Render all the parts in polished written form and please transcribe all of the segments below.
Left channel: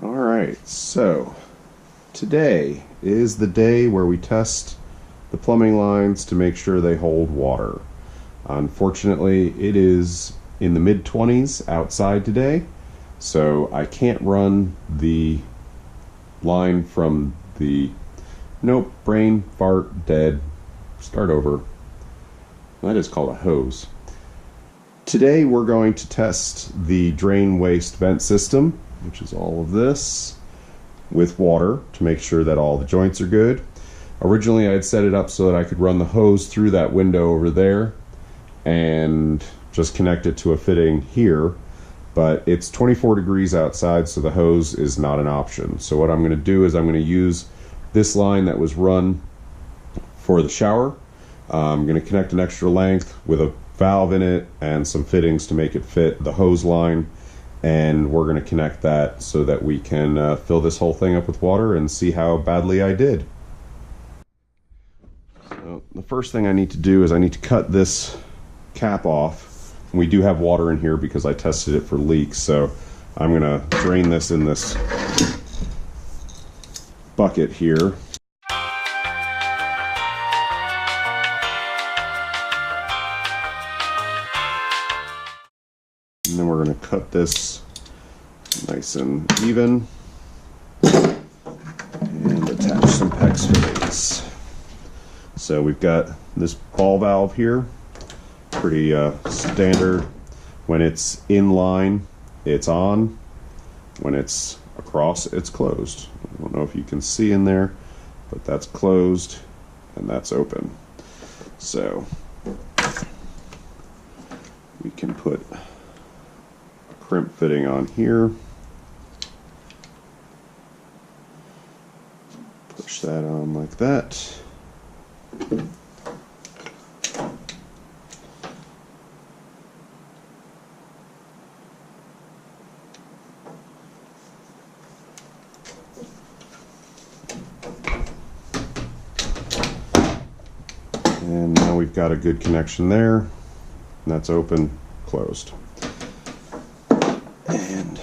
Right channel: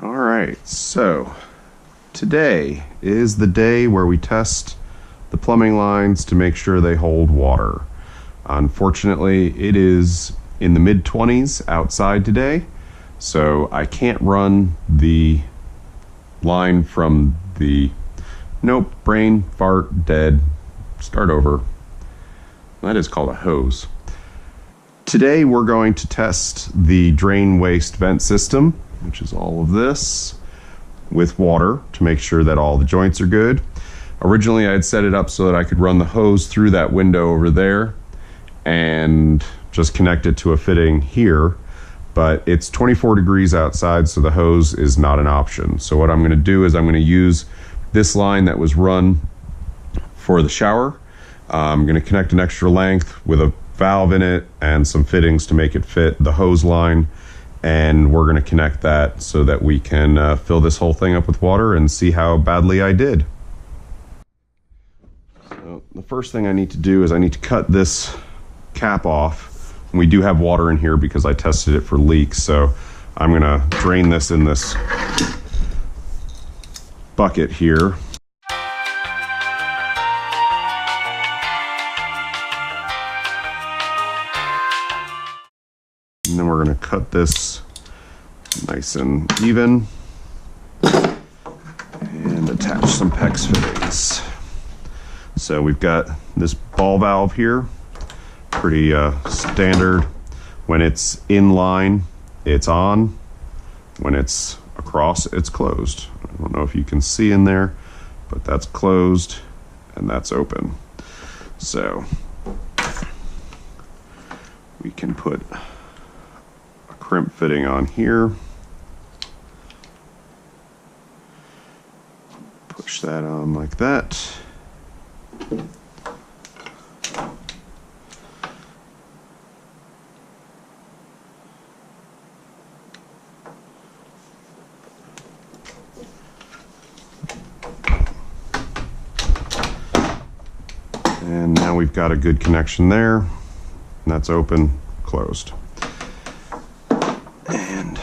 All right, so today is the day where we test the plumbing lines to make sure they hold water. Unfortunately, it is in the mid-20s outside today, so I can't run the line from the nope, brain, fart, dead, start over. That is called a hose. Today we're going to test the drain waste vent system, which is all of this, with water to make sure that all the joints are good. Originally I had set it up so that I could run the hose through that window over there and just connect it to a fitting here, but it's 24 degrees outside, so the hose is not an option. So what I'm going to do is I'm going to use this line that was run for the shower. I'm going to connect an extra length with a valve in it and some fittings to make it fit the hose line, and we're going to connect that so that we can fill this whole thing up with water and see how badly I did. So the first thing I need to do is I need to cut this cap off. We do have water in here because I tested it for leaks, so I'm going to drain this in this bucket here. And then we're going to cut this nice and even and attach some PEX fittings. So we've got this ball valve here, pretty standard. When it's in line, it's on. When it's across, it's closed. I don't know if you can see in there, but that's closed and that's open. So we can put crimp fitting on here, push that on like that, and now we've got a good connection there, and that's open, closed. And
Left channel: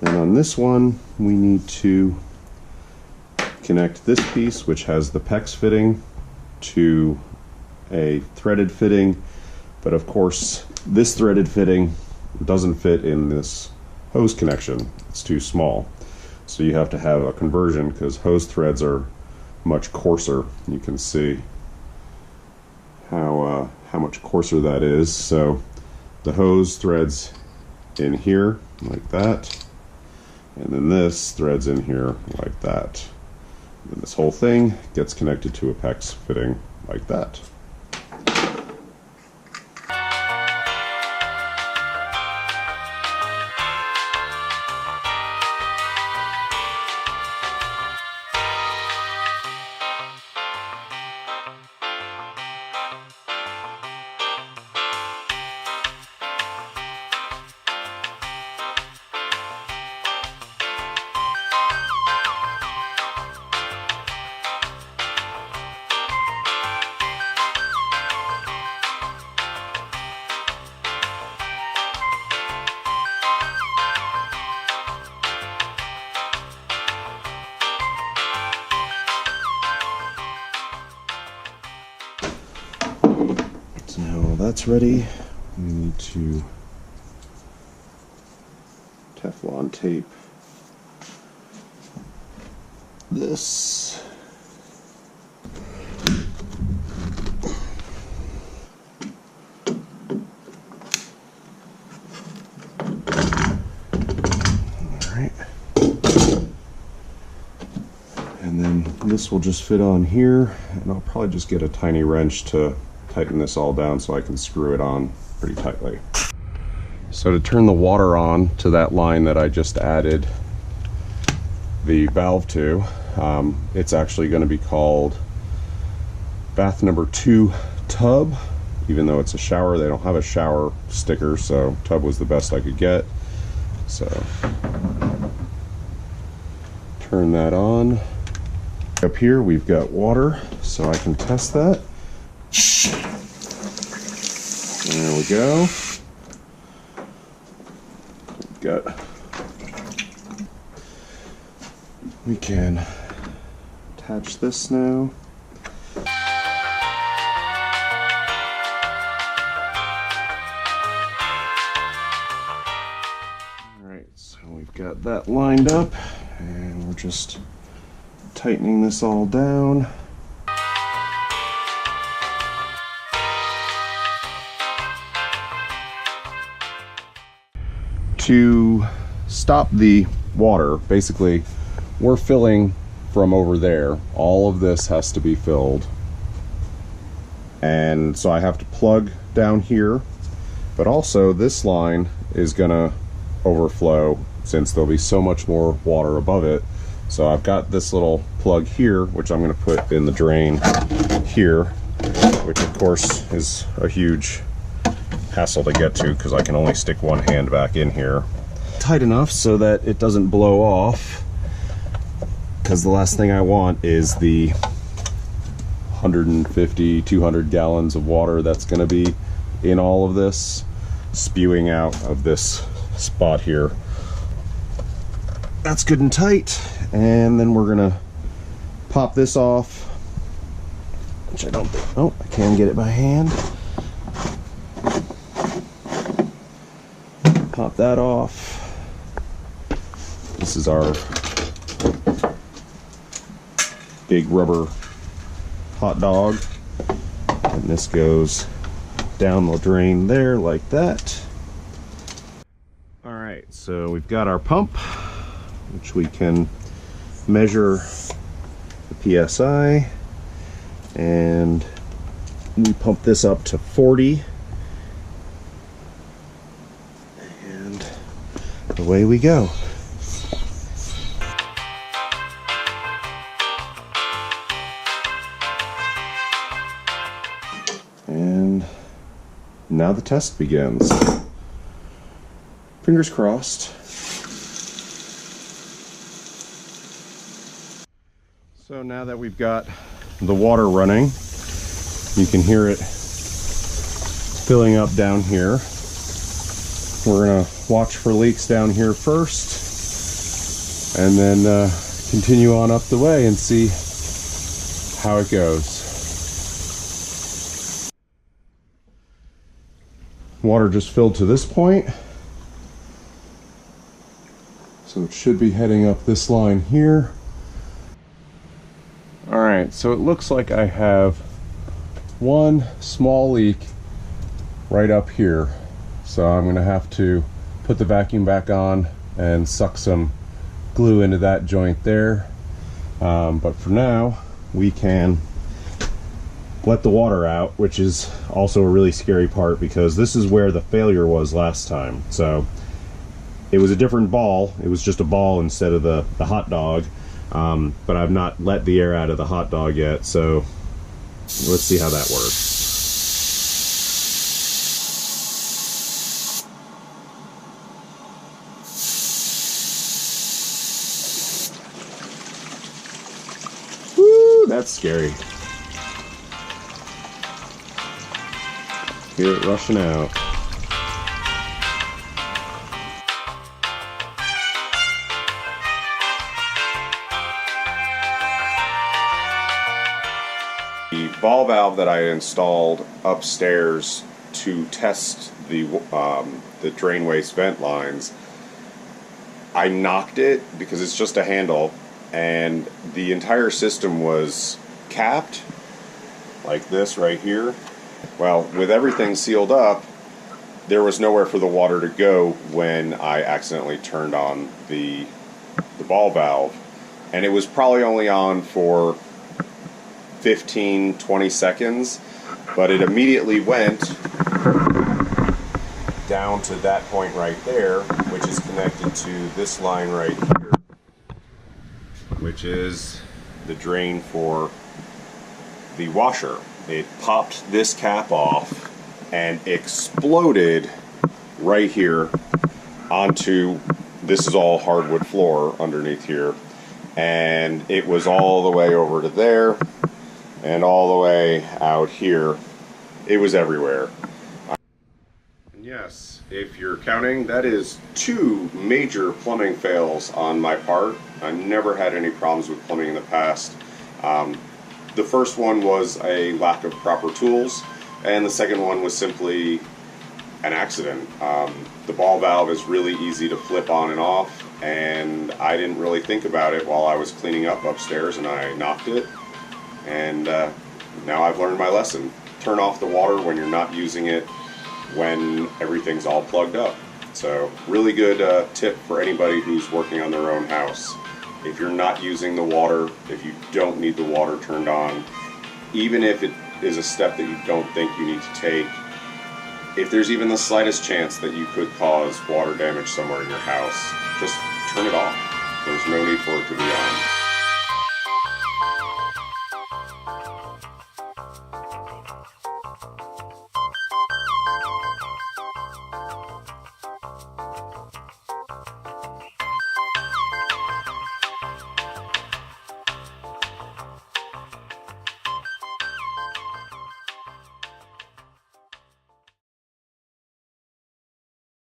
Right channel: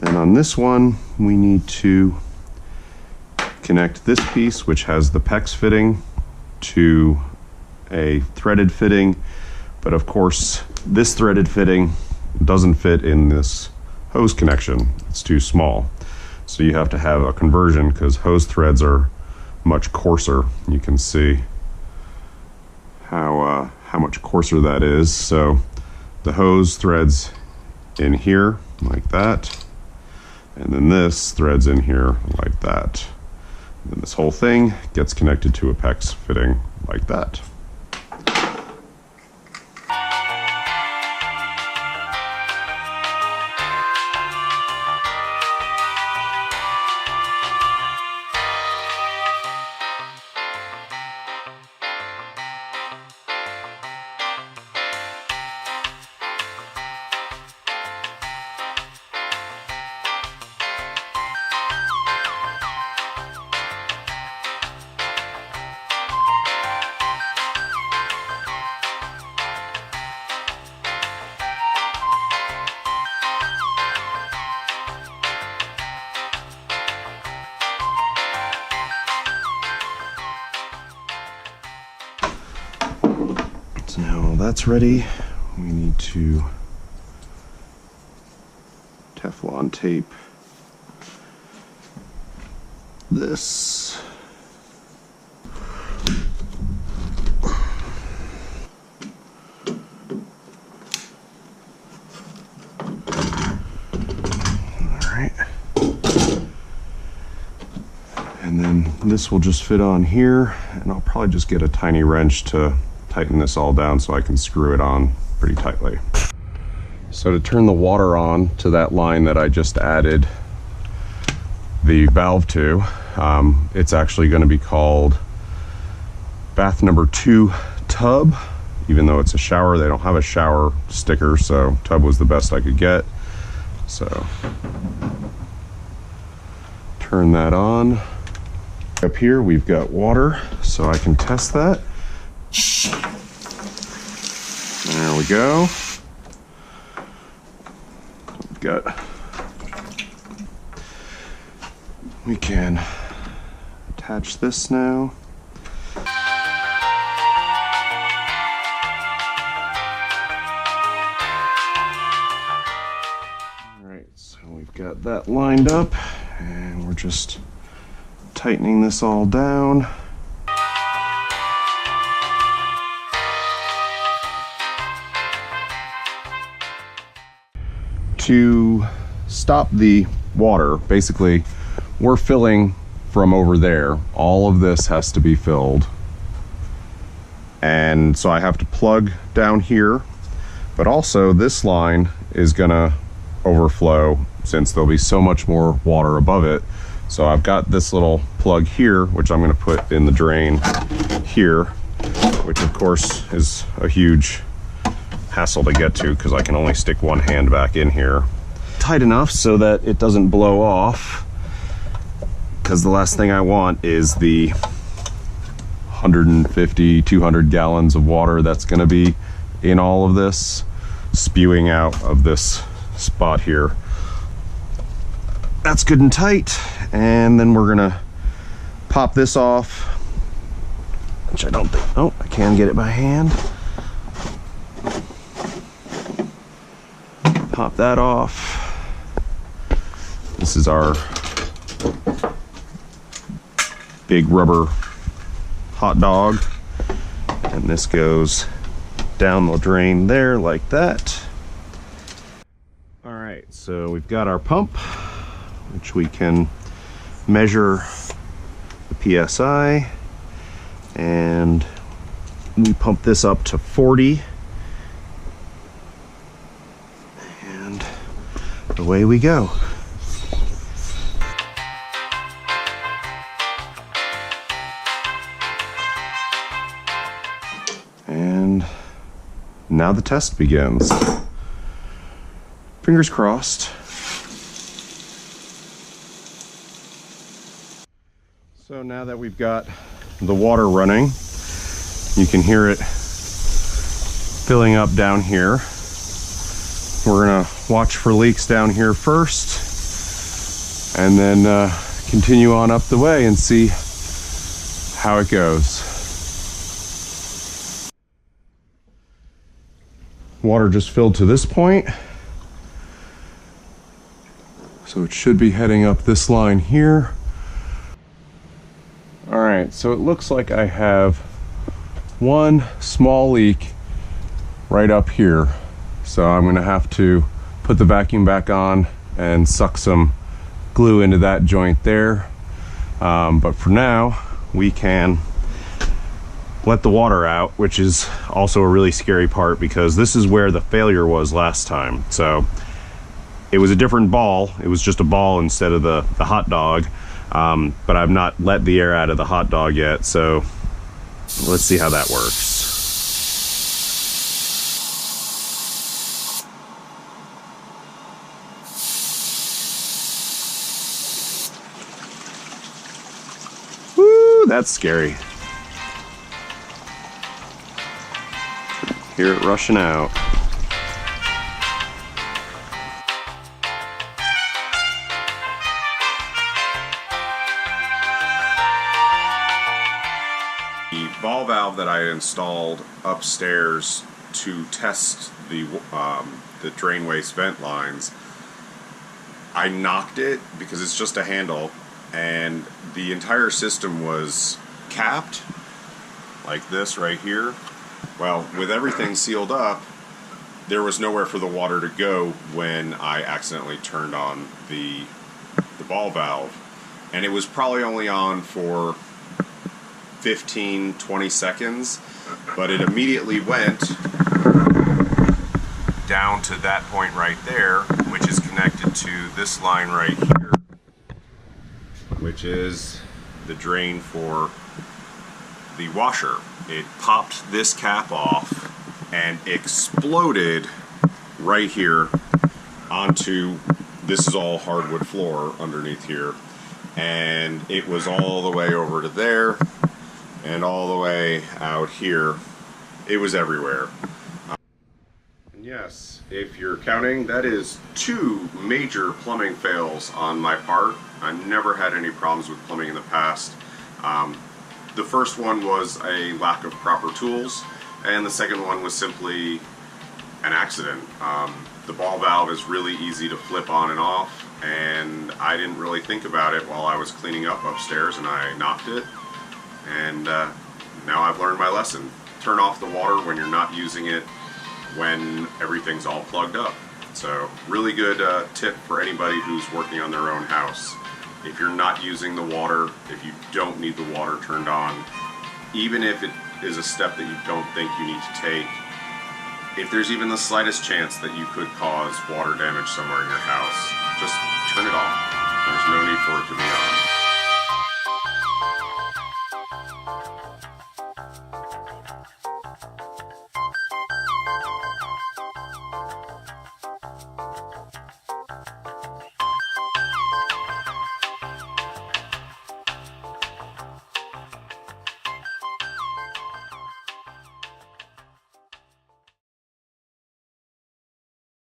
then on this one, we need to connect this piece, which has the PEX fitting, to a threaded fitting. But of course, this threaded fitting doesn't fit in this hose connection. It's too small. So you have to have a conversion because hose threads are much coarser. You can see how much coarser that is. So the hose threads in here like that, and then this threads in here like that. And then this whole thing gets connected to a PEX fitting like that. So now all that's ready, we need to Teflon tape this. Alright. And then this will just fit on here, and I'll probably just get a tiny wrench to tighten this all down so I can screw it on pretty tightly. So to turn the water on to that line that I just added the valve to, it's actually going to be called bath number 2 tub. Even though it's a shower, they don't have a shower sticker, so tub was the best I could get. So turn that on. Up here we've got water, so I can test that. There we go. We've got we can attach this now. Alright, so we've got that lined up, and we're just tightening this all down. To stop the water, basically, we're filling from over there. All of this has to be filled. And so I have to plug down here, but also this line is gonna overflow since there'll be so much more water above it. So I've got this little plug here, which I'm gonna put in the drain here, which of course is a huge hassle to get to because I can only stick one hand back in here. Tight enough so that it doesn't blow off, because the last thing I want is the 150, 200 gallons of water that's going to be in all of this spewing out of this spot here. That's good and tight, and then we're gonna pop this off, which I don't think, oh, I can get it by hand. Pop that off. This is our big rubber hot dog, and this goes down the drain there like that. All right, so we've got our pump, which we can measure the PSI, and we pump this up to 40. Away we go. And now the test begins. Fingers crossed. So now that we've got the water running, you can hear it filling up down here. We're gonna watch for leaks down here first, and then continue on up the way and see how it goes. Water just filled to this point, so it should be heading up this line here. All right, so it looks like I have one small leak right up here. So I'm gonna have to put the vacuum back on and suck some glue into that joint there. But for now, we can let the water out, which is also a really scary part because this is where the failure was last time. So it was a different ball. It was just a ball instead of the hot dog. But I've not let the air out of the hot dog yet. So let's see how that works. That's scary. Hear it rushing out. The ball valve that I installed upstairs to test the drain waste vent lines, I knocked it because it's just a handle, and the entire system was capped like this right here. Well, with everything sealed up, there was nowhere for the water to go when I accidentally turned on the ball valve, and it was probably only on for 15-20 seconds, but it immediately went down to that point right there, which is connected to this line right here, which is the drain for the washer. It popped this cap off and exploded right here onto, this is all hardwood floor underneath here, and it was all the way over to there and all the way out here. It was everywhere. Yes, if you're counting, that is 2 major plumbing fails on my part. I never had any problems with plumbing in the past. The first one was a lack of proper tools, and the second one was simply an accident. The ball valve is really easy to flip on and off, and I didn't really think about it while I was cleaning up upstairs, and I knocked it, and now I've learned my lesson. Turn off the water when you're not using it when everything's all plugged up. So really good tip for anybody who's working on their own house. If you're not using the water, if you don't need the water turned on, even if it is a step that you don't think you need to take, if there's even the slightest chance that you could cause water damage somewhere in your house, just turn it off. There's no need for it to be on.